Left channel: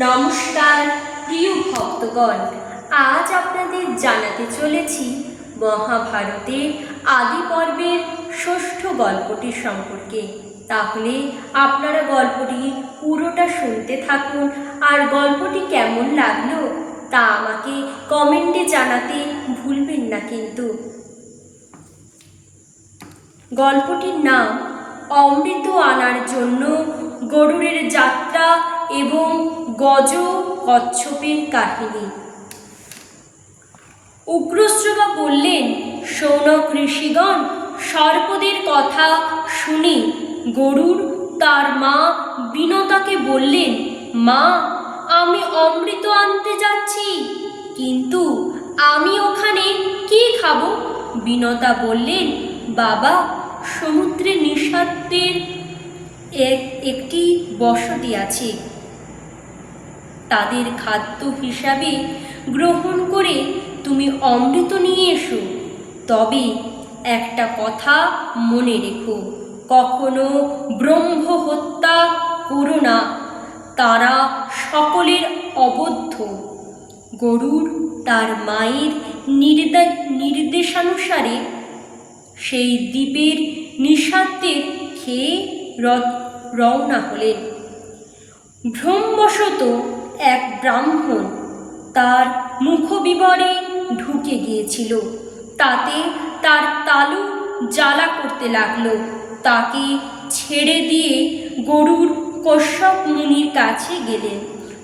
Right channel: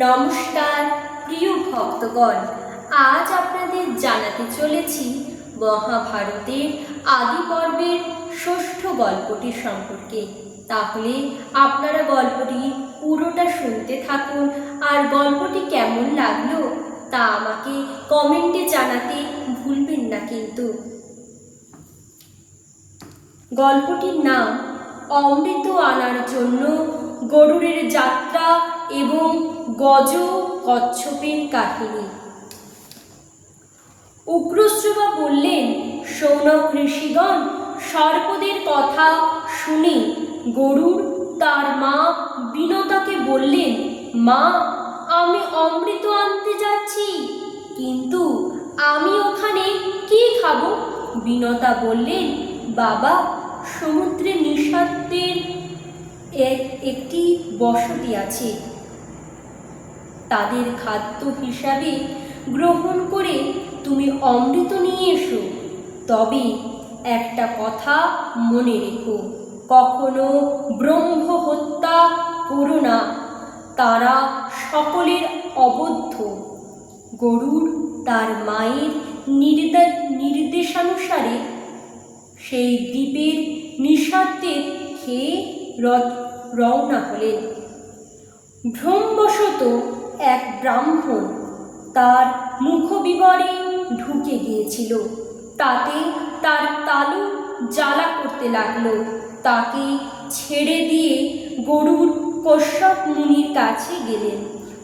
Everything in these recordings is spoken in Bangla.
নমস্কার, প্রিয় ভক্তগণ। আজ আপনাদের জানাতে চলেছি মহাভারতের আদি পর্বের ষষ্ঠ গল্পটি সম্পর্কে। তাহলে আপনারা গল্পটি পুরোটা শুনতে থাকুন আর গল্পটি কেমন লাগল তা আমাকে কমেন্টে জানাতে ভুলবেন না কিন্তু। গল্পটির নাম অমৃত আনার জন্য গরুরের যাত্রা এবং গজ কচ্ছপের কাহিনী। উগ্রশ্রবা বললেন, সৌনক ঋষিগণ, সর্পদের কথা শুনে গরুর তার মা বিনতাকে বললেন, মা, আমি অমৃত আনতে যাচ্ছি, কিন্তু আমি ওখানে কি খাব? বিনতা বললেন, বাবা, সমুদ্রে নিঃস্বার্থের এক, একটি বসতি আছে তাদের খাদ্য হিসাবে গ্রহণ করে তুমি অমৃত নিয়ে এসো। তবে একটা কথা মনে রেখো, কখনো ব্রহ্ম হত্যা করো না। তারা সকলের অবদ্ধ। গরুর তার মায়ের নির্দে, নির্দেশানুসারে সেই দ্বীপের নিঃস্বার্থে খেয়ে রওনা হলেন। ভ্রমবশত এক ব্রাহ্মণ। তার মুখবিবরে ঢুকে গিয়েছিল। তাতে তার তালু জ্বালা করতে লাগল। তাকে ছেড়ে দিয়ে গরুর কশ্যপ মুনির কাছে গেলেন।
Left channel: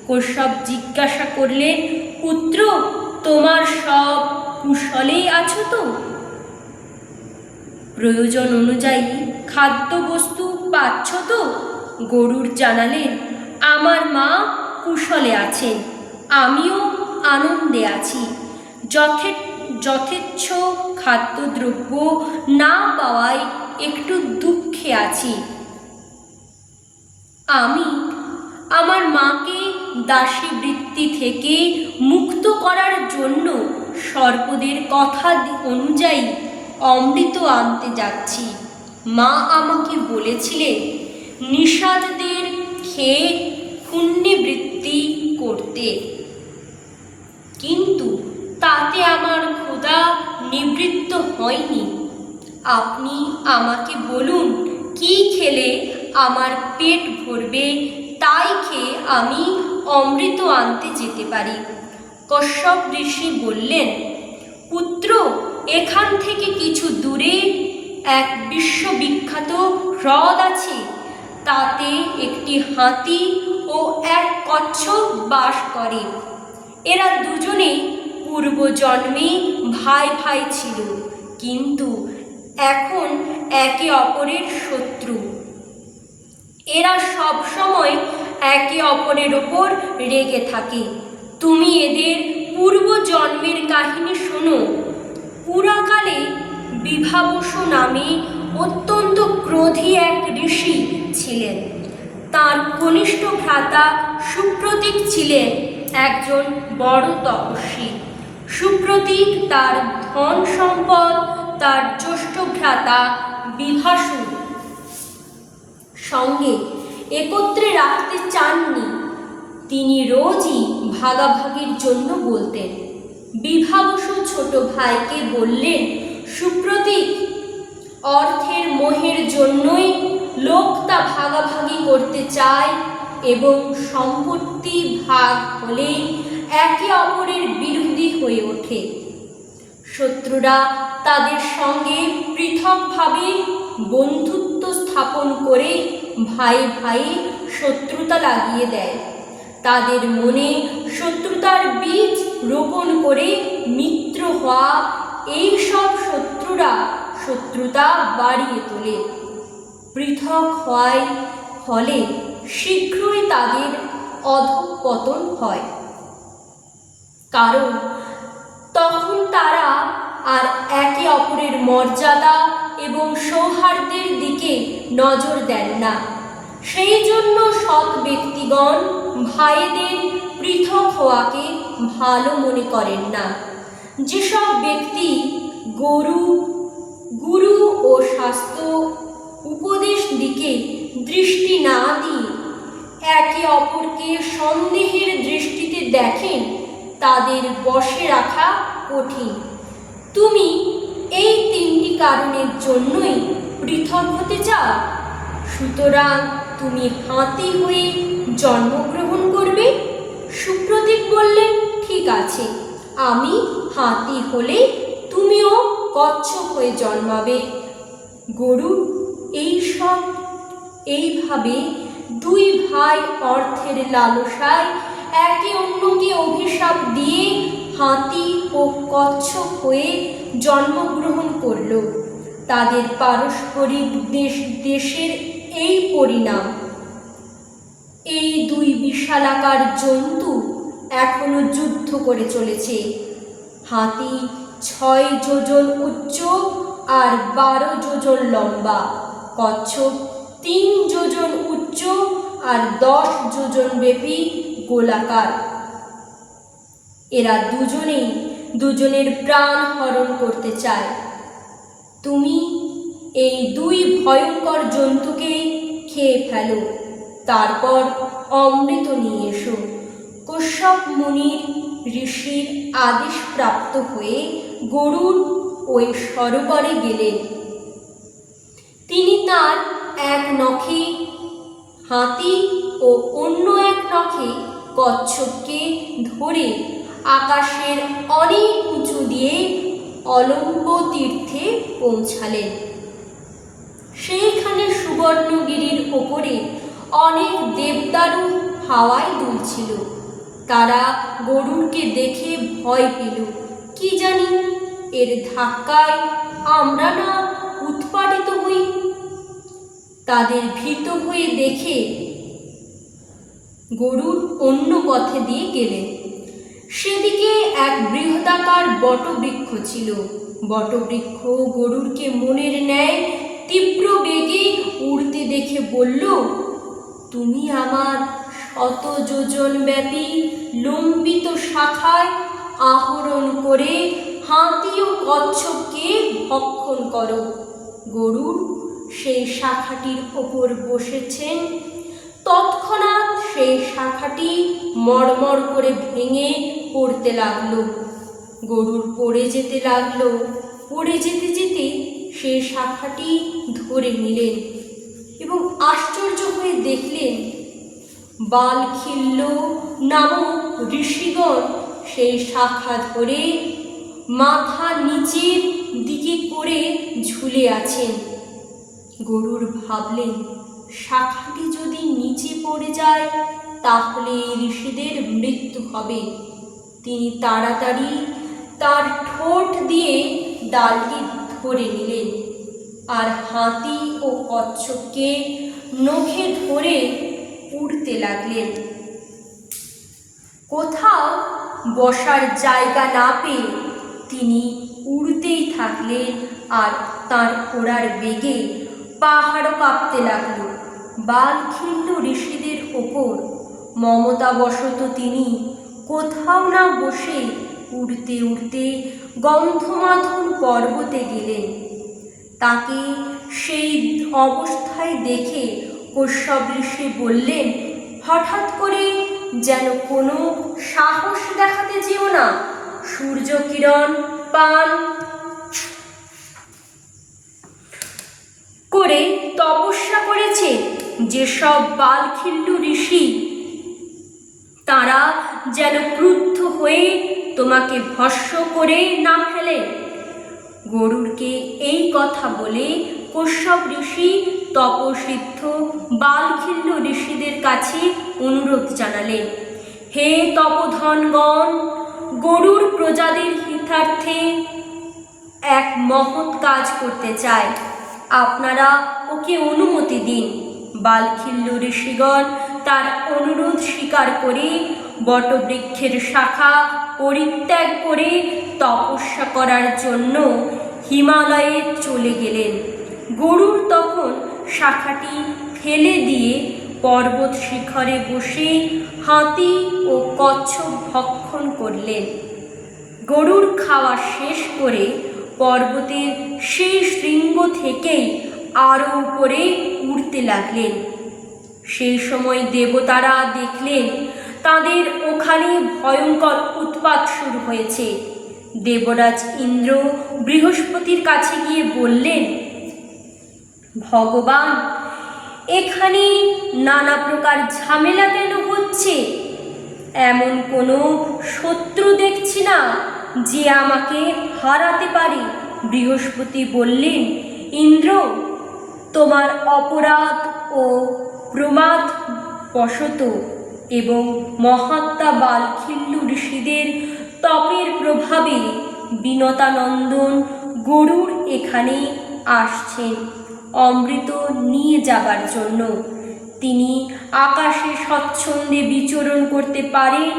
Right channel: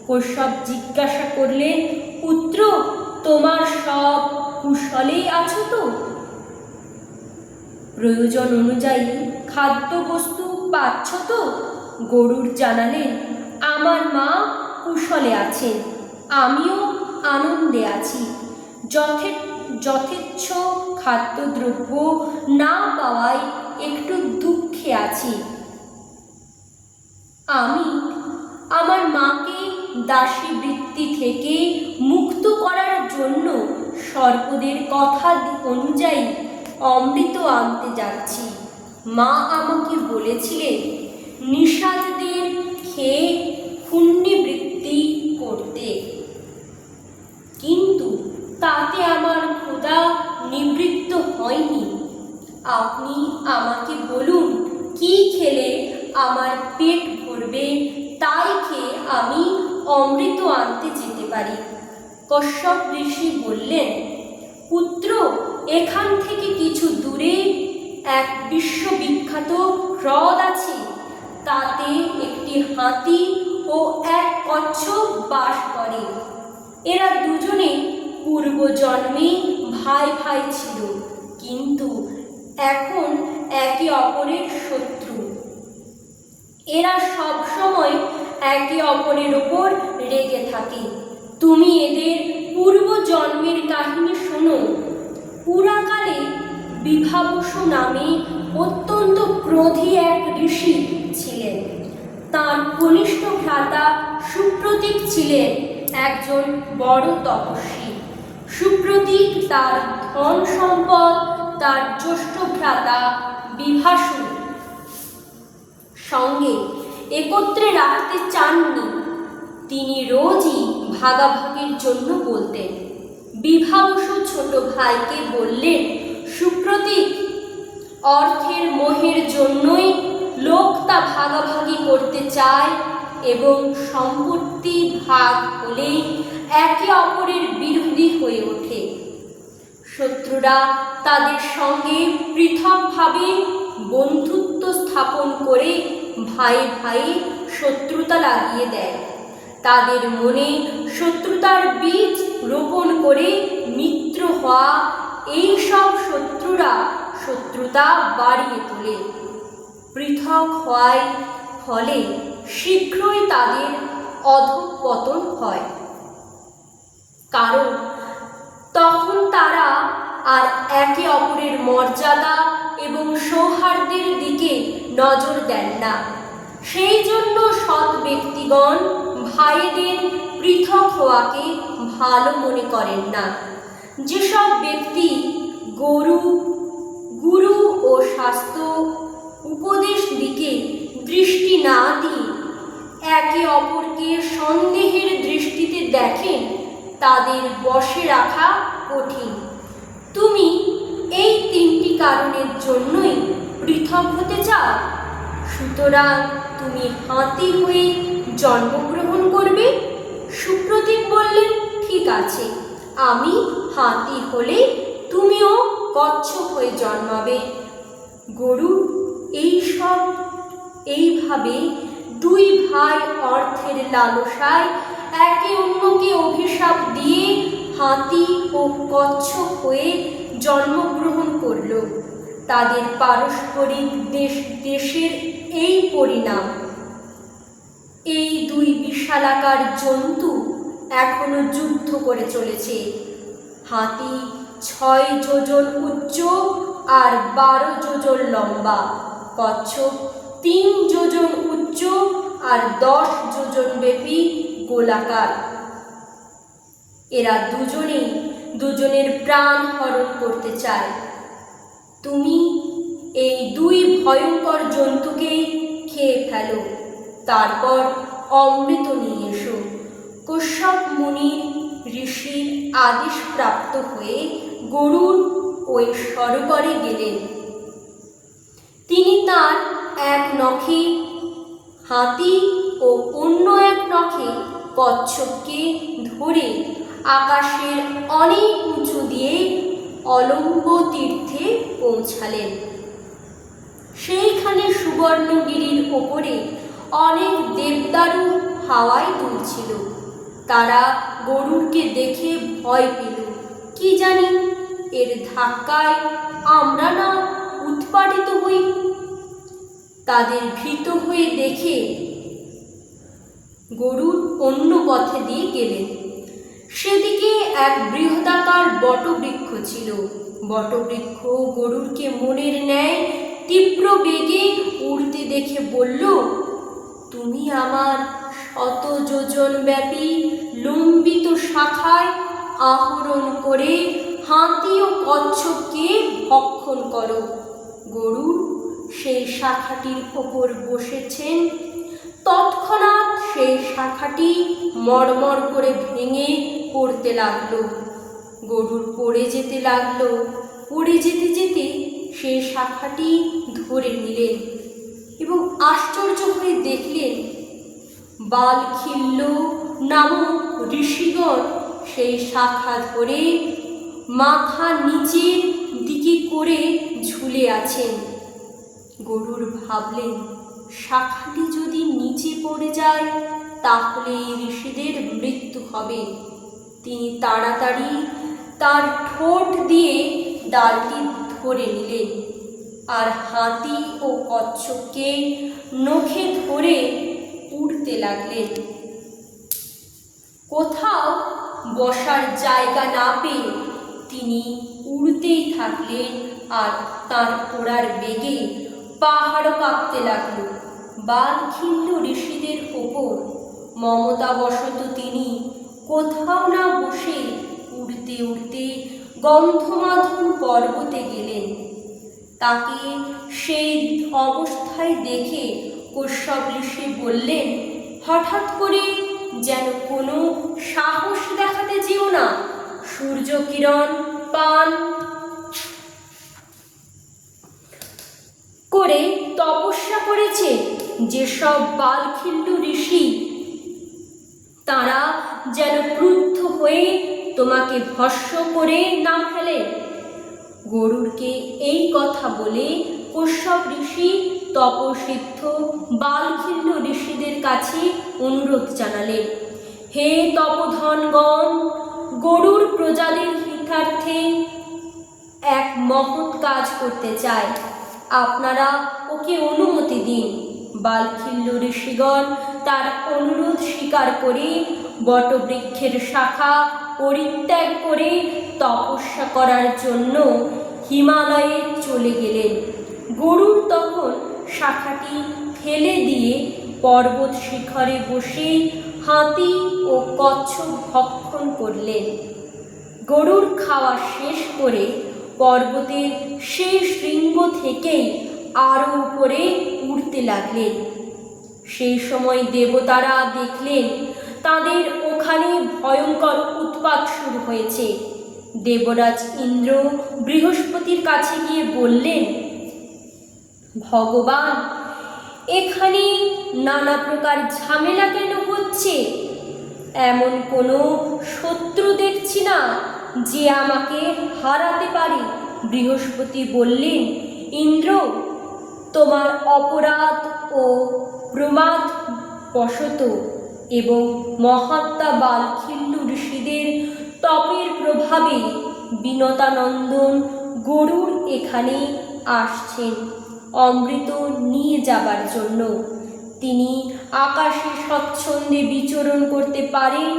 কশ্যপ জিজ্ঞাসা করলেন, পুত্র, তোমার সব কুশলেই আছো তো? প্রয়োজন অনুযায়ী খাদ্যবস্তু পাচ্ছ তো? গরুর জানালেন, আমার মা কুশলে আছেন আমিও আনন্দে আছি। যথে যথেচ্ছ খাদ্যদ্রব্য না পাওয়ায় একটু দুঃখে আছি। আমি আমার মাকে দাসী বৃত্তি থেকে মুক্ত করার জন্য সর্পদের কথা অনুযায়ী অমৃত আনতে যাচ্ছি। মা আমাকে বলেছিলেন, নিষাদদের খেয়ে পুণ্যবৃত্তি করতে কিন্তু তাতে আমার ক্ষুধা নিবৃত্ত হয়নি। আপনি আমাকে বলুন, কি খেলে আমার পেট ভরবে? তাই খেয়ে আমি অমৃত আনতে যেতে পারি। কশ্যপ ঋষি বললেন, পুত্র, এখান থেকে কিছু দূরে এক বিশ্ববিখ্যাত হ্রদ আছে। তাতে একটি হাতি ও এক কচ্ছপ বাস করে। এরা দুজনে পূর্বজন্মে ভাই ভাই ছিল, কিন্তু এখন একে অপরের শত্রু। এরা সব সময় একে অপরের ওপর রেগে থাকে। তুমি এদের পূর্ব জন্মের কাহিনী শোনো। পুরাকালে বিভাবস নামে অত্যন্ত ক্রোধী এক ঋষি ছিলেন। তার কনিষ্ঠ ভ্রাতা সুপ্রতীক ছিলেন একজন বড় তপস্বী। সুপ্রতীক তার ধন সম্পদ, তার জ্যেষ্ঠ ভ্রাতা বিভাসু। সঙ্গে একত্রে রাখতে চাননি, তিনি রোজই ভাগাভাগির জন্য বলতেন, বিভাবসু ছোট ভাইকে বললেন সুপ্রতীক, অর্থের মোহের জন্যই লোক তা ভাগাভাগি করতে চায় এবং সম্পত্তি ভাগ হলে একে অপরের বিরোধী হয়ে ওঠে। শত্রুরা তাদের সঙ্গে পৃথকভাবে বন্ধুত্ব স্থাপন করে ভাই ভাই শত্রুতা লাগিয়ে দেয়। তাদের মনে শত্রুতার বীজ রোপণ করে মিত্র হওয়া এই সব শত্রুরা শত্রুতা বাড়িয়ে তোলে। পৃথক হওয়ায় ফলে শীঘ্রই তাদের অধঃপতন হয়। কারণ তখন তারা আর একে অপরের মর্যাদা এবং সৌহার্দ্যের দিকে নজর দেন না। সেই জন্য সৎ ব্যক্তিগণ ভাইদের পৃথক হওয়াকে ভালো মনে করেন না। যেসব ব্যক্তি গরু, গুরু ও স্বাস্থ্য উপদেশ দিকে দৃষ্টি না দিয়ে একে অপরকে সন্দেহের দৃষ্টিতে দেখেন, তাদের বশে রাখা কঠিন। তুমি এই তিনটি কারণের জন্যই পৃথক হতে চাও? সুতরাং তুমি হাতি হয়ে জন্মগ্রহণ করবে? সুপ্রতীক বললেন, ঠিক আছে, আমি হাতি হলে তুমিও কচ্ছপ হয়ে জন্মাবে। গরু এই সব, এইভাবে দুই ভাই অর্থের লালসায় একে অন্যকে অভিশাপ দিয়ে হাতি ও কচ্ছপ হয়ে জন্মগ্রহণ করল। তাদের পারস্পরিক দেশ, দেশের এই পরিণাম। এই দুই বিশালাকার জন্তু এখনও যুদ্ধ করে চলেছে। হাতি ছয় যোজন উচ্চ আর বারো যোজন লম্বা। কচ্ছপ। তিন যোজন উচ্চ আর দশ যোজন ব্যাপী গোলাকার। এরা দুজনেই দুজনের প্রাণ হরণ করতে চায়। তুমি এই দুই ভয়ঙ্কর জন্তুকে খেয়ে ফেলো, তারপর অমৃত নিয়ে এসো। কশ্যপ মুনির ঋষির আদেশ প্রাপ্ত হয়ে গরুর ওই সরোবরে গেলেন। এক নখে হাতি ও অন্য এক নখে কচ্ছপকে ধরে আকাশের অনেক উঁচু দিয়ে অলম্ব তীর্থে পৌঁছালেন। সেইখানে সুবর্ণগিরির ওপরে অনেক দেবদারু হাওয়ায় দুলছিল। তারা গরুরকে দেখে ভয় পেল। কি জানি? এর ধাক্কায় আমরা না উৎপাটিত হই। তাদের ভীত হয়ে দেখে গরুর অন্য পথে দিয়ে গেলেন। সেদিকে এক বৃহদাকার বটবৃক্ষ ছিল। বটবৃক্ষ গরুরকে মনের ন্যায় তীব্র বেগে উড়তে দেখে বলল, তুমি আমার শত যোজন ব্যাপী লম্বিত শাখায় আহরণ করে হাতি ও কচ্ছপকে ভক্ষণ করো। গরুর সেই শাখাটির ওপর বসেছেন তৎক্ষণাৎ সেই শাখাটি মড়মড় করে ভেঙে পড়তে লাগল। গরুর পড়ে যেতে লাগল। পড়ে যেতে যেতে সেই শাখাটি ধরে নিলেন এবং আশ্চর্য হয়ে দেখলেন বালখিল্য নামক ঋষিগণ সেই শাখা ধরে মাথা নিচের দিকে করে ঝুলে আছেন। গরুর ভাবলেন, শাখাটি যদি নিচে পড়ে যায়, তাহলে এই ঋষিদের মৃত্যু হবে। তিনি তাড়াতাড়ি তার ঠোঁট দিয়ে ডালটি ধরে নিলেন আর হাতি ও কচ্ছপকে নখে ধরে উড়তে লাগলেন। কোথাও বসার জায়গা না পেয়ে তিনি উড়তেই থাকলেন আর তার ওড়ার বেগে পাহাড় কাঁপতে লাগল। বালখিল্য ঋষিদের ওপর মমতাবশত তিনি কোথাও না বসে উড়তে উড়তে গন্ধমাধন পর্বতে গেলেন। তাকে সেই অবস্থায় দেখে কশ্যপ ঋষি বললেন, হঠাৎ করে যেন কোনো সাহস দেখাতে যেও না। সূর্য কিরণ পান করে তপস্যা করেছে যেসব বালখিল্য ঋষি, তারা যেন ক্রুদ্ধ হয়ে তোমাকে ভস্য করে না ফেলে। গরুরকে এই কথা বলে কশ্যপ ঋষি, তপসিদ্ধ বালখিল্য ঋষিদের কাছে অনুরোধ জানালেন, হে তপধনগণ, গরুর প্রজাদের হিতার্থে এক মহৎ কাজ করতে চায় আপনারা ওকে অনুমতি দিন। বালখিল্য ঋষিগণ তার অনুরোধ স্বীকার করে, বটবৃক্ষের শাখা পরিত্যাগ করে, তপস্যা করার জন্য হিমালয়ে চলে গেলেন। গরুর তখন শাখাটি ফেলে দিয়ে পর্বত শিখরে বসে হাতি ও কচ্ছপ ভক্ষণ করলেন। গরুর খাওয়া শেষ করে পর্বতের সেই শৃঙ্গ থেকেই আরও উপরে উঠতে লাগলেন। সেই সময় দেবতারা দেখলেন, তাদের ওখানে ভয়ঙ্কর উৎপাত শুরু হয়েছে। দেবরাজ ইন্দ্র বৃহস্পতির কাছে গিয়ে বললেন, ভগবান, এখানে নানা প্রকার ঝামেলা কেন হচ্ছে? এমন কোনো শত্রু দেখছি না যে আমাকে হারাতে পারে। বৃহস্পতি বললেন, ইন্দ্র তোমার অপরাধ ও প্রমাদ বশত এবং মহাত্মা বালখিল্লু ঋষিদের তপের প্রভাবে বিনতানন্দন গরুর এখানে আসছেন। অমৃত নিয়ে যাবার জন্য। তিনি আকাশে স্বচ্ছন্দে বিচরণ করতে পারেন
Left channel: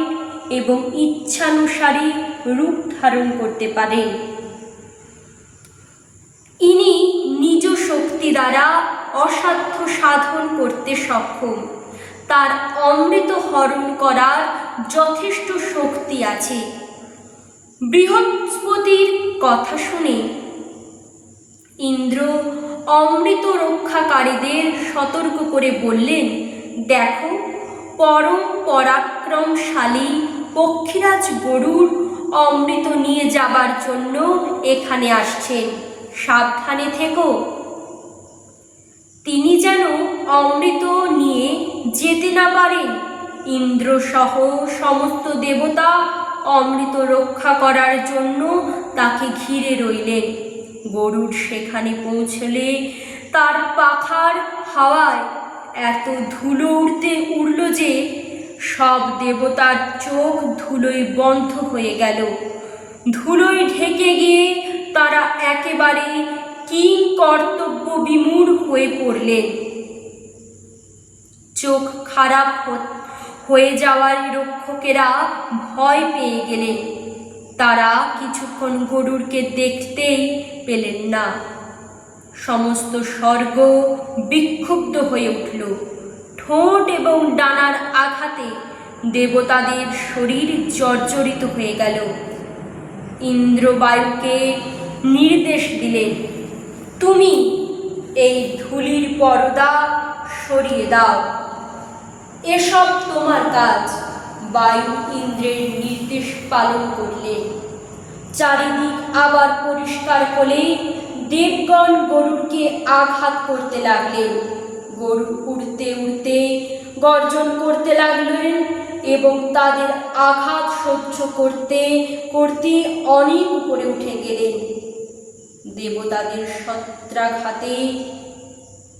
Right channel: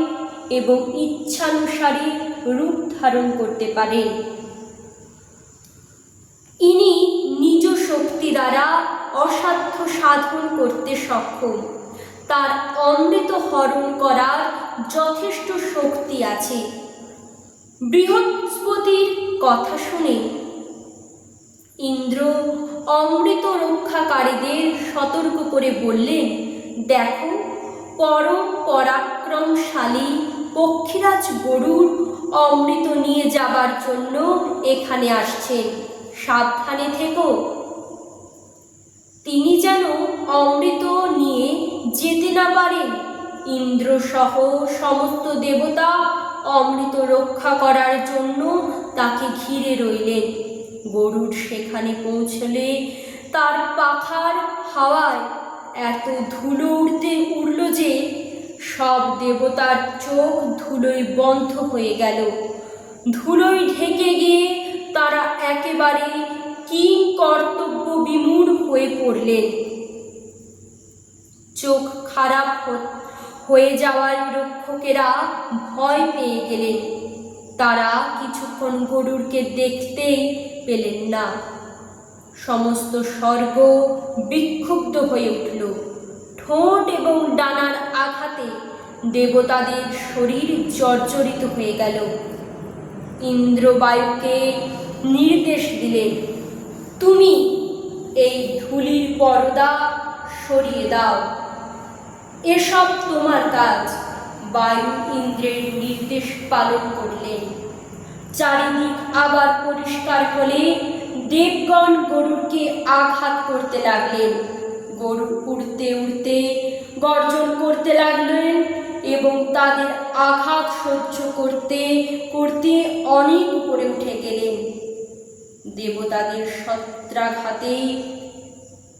এবং ইচ্ছানুসারে রূপ ধারণ করতে পারেন। ইনি দ্বারা অসাধ্য সাধন করতে সক্ষম, তার অমৃত হরণ করার যথেষ্ট শক্তি আছে। বৃহস্পতির কথা শুনে ইন্দ্র অমৃত রক্ষাকারীদের সতর্ক করে বললেন, দেখো, পরম পরাক্রমশালী পক্ষীরাজ গরুর অমৃত নিয়ে যাবার জন্য এখানে আসছে সাবধানে থেকো। অমৃত নিয়ে যেতে না পারে। ইন্দ্র সহ সমস্ত দেবতা অমৃত রক্ষা করার জন্য তাকে ঘিরে রইলেন। গরুর সেখানে পৌঁছলে তার পাখার হাওয়ায় এত ধুলো উড়তে উড়ল যে সব দেবতার চোখ ধুলোয় বন্ধ হয়ে গেল। ধুলোয় ঢেকে গিয়ে তারা একেবারে কিং কর্তব্য বিমূঢ় হয়ে পড়লেন চোখ খারাপ হ- হয়ে যাওয়ার রক্ষকেরা ভয় পেয়ে গেলেন। তারা কিছুক্ষণ গরুরকে দেখতেই পেলেন না। সমস্ত স্বর্গ বিক্ষুব্ধ হয়ে উঠল। ঠোঁট এবং ডানার আঘাতে দেবতাদের শরীর জর্জরিত হয়ে গেল। ইন্দ্রবায়ুকে নির্দেশ দিলেন, তুমি এই ধুলির পর্দা সরিয়ে দাও। এসব তোমার কাজ। বায়ু ইন্দ্রের নির্দেশ পালন করলেন চারিদিক আবার পরিষ্কার করে দেবগণ গরুরকে আঘাত করতে লাগলেন গরু উড়তে উড়তে গর্জন করতে লাগলেন এবং তাদের আঘাত সহ্য করতে করতে অনেক উপরে উঠে গেলেন। দেবতাদের সত্রাঘাতে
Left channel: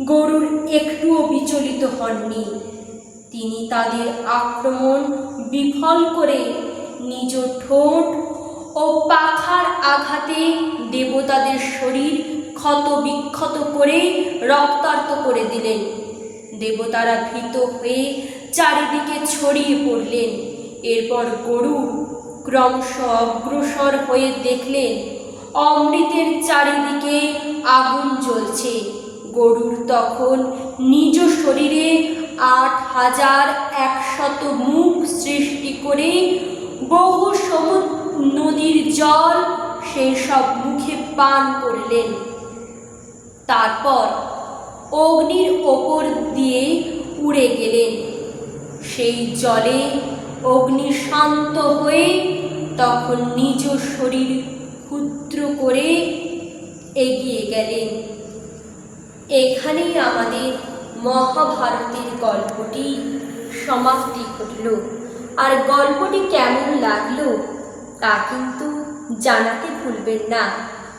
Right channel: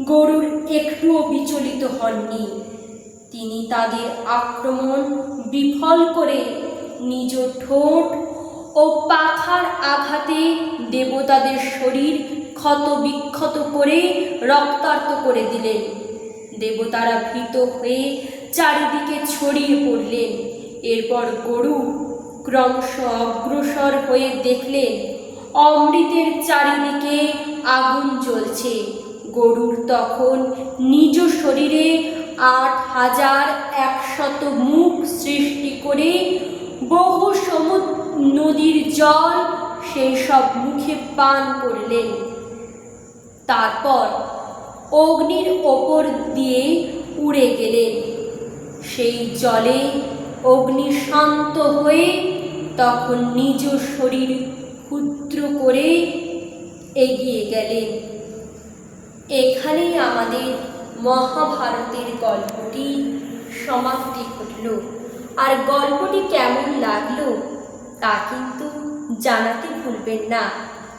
গরুর একটুও বিচলিত হননি। তিনি তাদের আক্রমণ বিফল করে নিজ ঠোঁট ও পাখার আঘাতে দেবতাদের শরীর ক্ষত বিক্ষত করে রক্তার্ত করে দিলেন। দেবতারা ভীত হয়ে চারিদিকে ছড়িয়ে পড়লেন। এরপর গরু ক্রমশ অগ্রসর হয়ে দেখলেন, অমৃতের চারিদিকে আগুন জ্বলছে। গরুর তখন নিজ শরীরে আট হাজার একশত মুখ সৃষ্টি করে বহু সমুদ্র নদীর জল সেই সব মুখে পান করলেন। তারপর অগ্নির ওপর দিয়ে উড়ে গেলেন। সেই জলে অগ্নি শান্ত হয়ে তখন নিজ শরীর ক্ষুদ্র করে এগিয়ে গেলেন। এখানেই আমাদের মহাভারতের গল্পটি সমাপ্তি ঘটল। আর গল্পটি কেমন লাগল, তা কিন্তু জানাতে ভুলবেন না।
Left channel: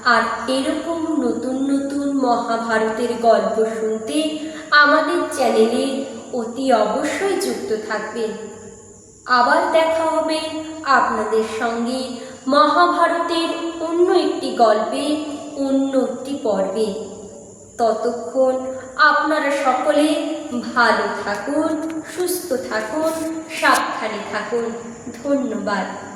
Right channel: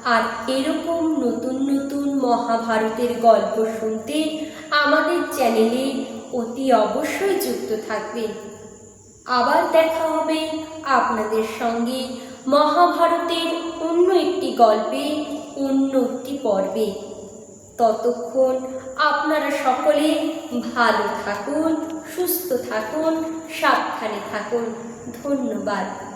আর এরকম নতুন নতুন মহাভারতের গল্প শুনতে আমাদের চ্যানেলে অতি অবশ্যই যুক্ত থাকবেন। আবার দেখা হবে আপনাদের সঙ্গে মহাভারতের অন্য একটি গল্পে, অন্য একটি পর্বে। ততক্ষণ আপনারা সকলে ভালো থাকুন সুস্থ থাকুন সাবধানে থাকুন। ধন্যবাদ।